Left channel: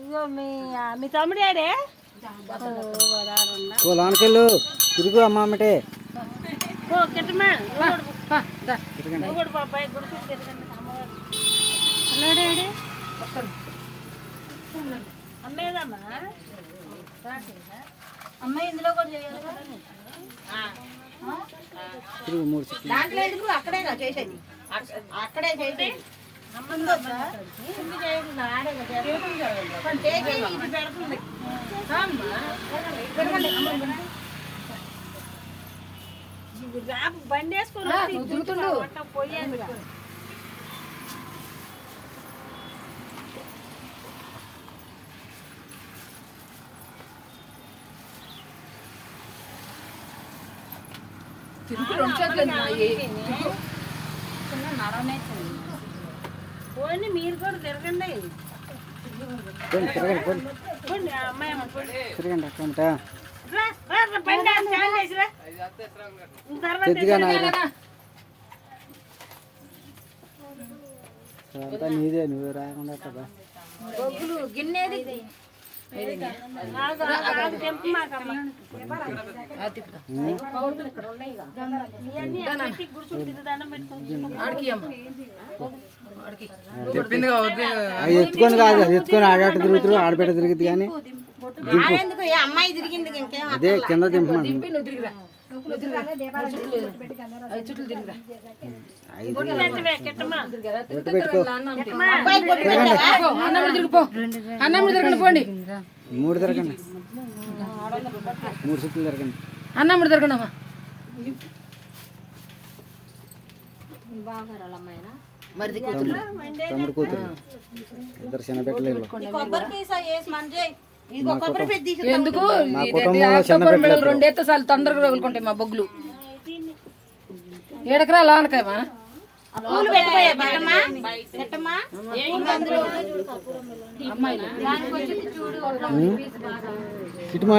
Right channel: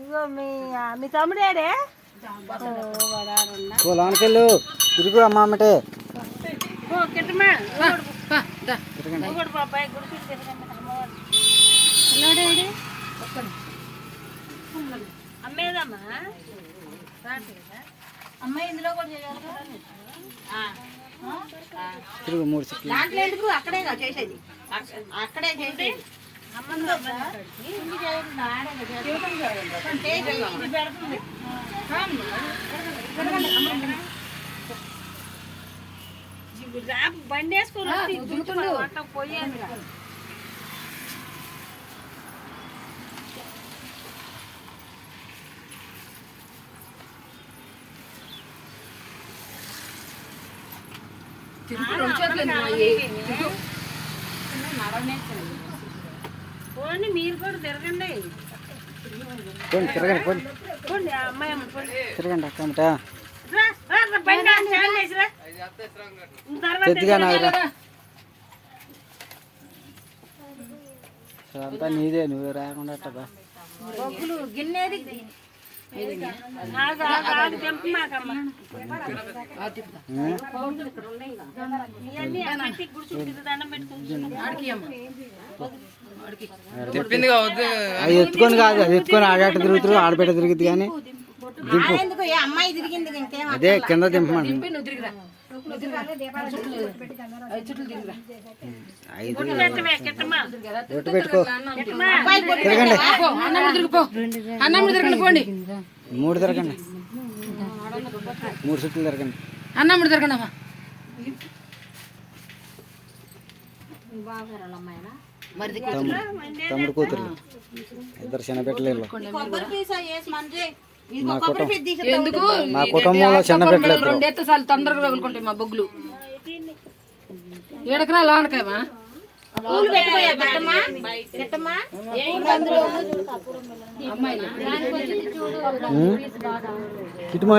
ఇగో మీ తమ్ముడేడే లోనకెళ్ళు తిరుగు అమ్మటే బాబాయ్ గుడికి తిరగండి అమ్మేదమ్మా అమ్మాయి ఇందులో కూడా చేయాలి తిరుగు 3 సెకండ్లు దాంట్లో ఎందుకు అక్కడే చేసేది అక్కడే చేసేది బండి వేసుకుని పోయాను పోండి మీరు కూడా తిరగండి అమ్మాయి తిరగండి అక్కమట అంతా నీదే నువ్వు రాకుండా బొగ్గులు గిన్నెది ఎత్తుకొని కాదు అది ఎత్తుకొని ఆడాట తిరుగుతారు ఆడబెట్ట తిరుగుతుంది కానీ దింపు అమ్మాయి తిరిగింది అదే కింద దింపమంది 5 ఒట్టు పెట్టుకో తిరగండి 3 తిరగండి 3 చుట్లు తిరగండి అన్నమ్ముడు తిరగండి అమ్మా తమ్ముడు కూతురు ఇద్దరు చిన్న పెట్టలేదు మా కుటుంబంలో చిన్న పెట్టలేదు 2 ఎత్తసార్లు తొందరగా రగులుకుంటాయి మా బొగ్గులు 7 ఎకరాలు ఆనకాయమా ఇటు మా